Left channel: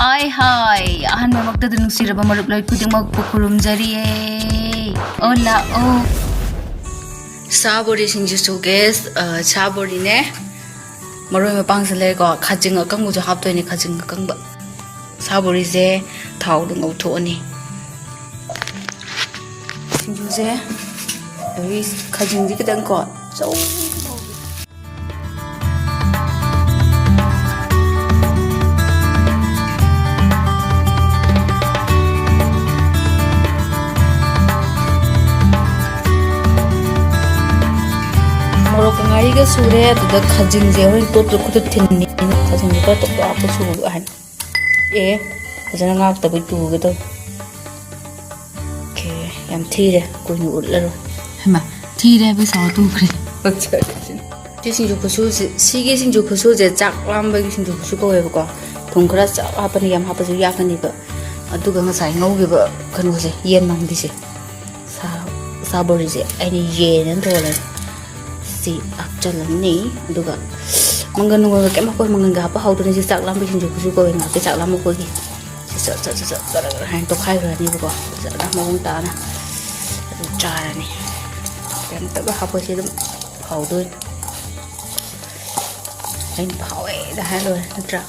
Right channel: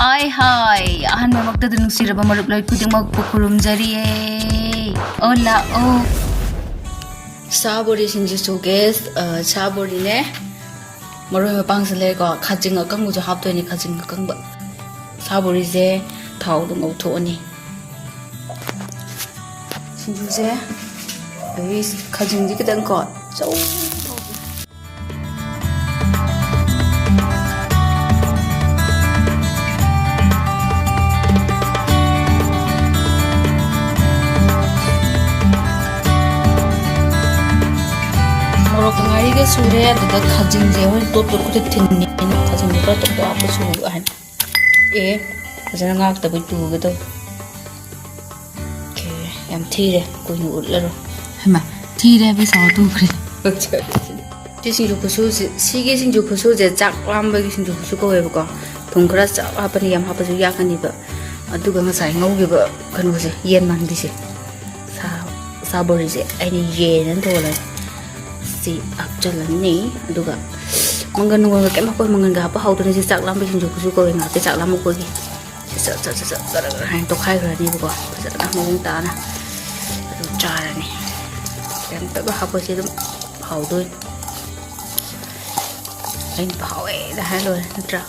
Hi hi, ahan magta dun siraba maruplay kuding magpukulumjariye. Hola oh. Sabori sinjusu guys, sabori ne. Maroy mapang sile ko khajing akang mo jo hap to ni khajing akang ba. Sabori je thau du ngau tho ni. Sinju je ai khajing di kedang ko. Chau. Morok ngari ke sure da khajing je hoi top to khut thin ni khajing ka top to ap su han ajana ngak ta bai tu ge to ke yam thi re ko ni ut la ro hama thi re bi sa tu khre ti sing ju khu si ge sing ju khu je chak lam ba ge sing ju khu ko we ba ko thong khra cha ha pa ni yam ha pa ju ya kan ni ba adu ga nga sai ngau ge ba kan ko je yen man bi se sa bori je ai ni ye nan to la si ap jalan ni aduga mangan ngo ke ma ko mangan ga pa hau to ni si chak lam bi sin ju ku ko nga ke chak lam ko gi si sa han to khai ra ni ko sa na mo ngong ta na adu cha ra ni dan ta ba ha po si dum hau to ai phao e da ha lo tra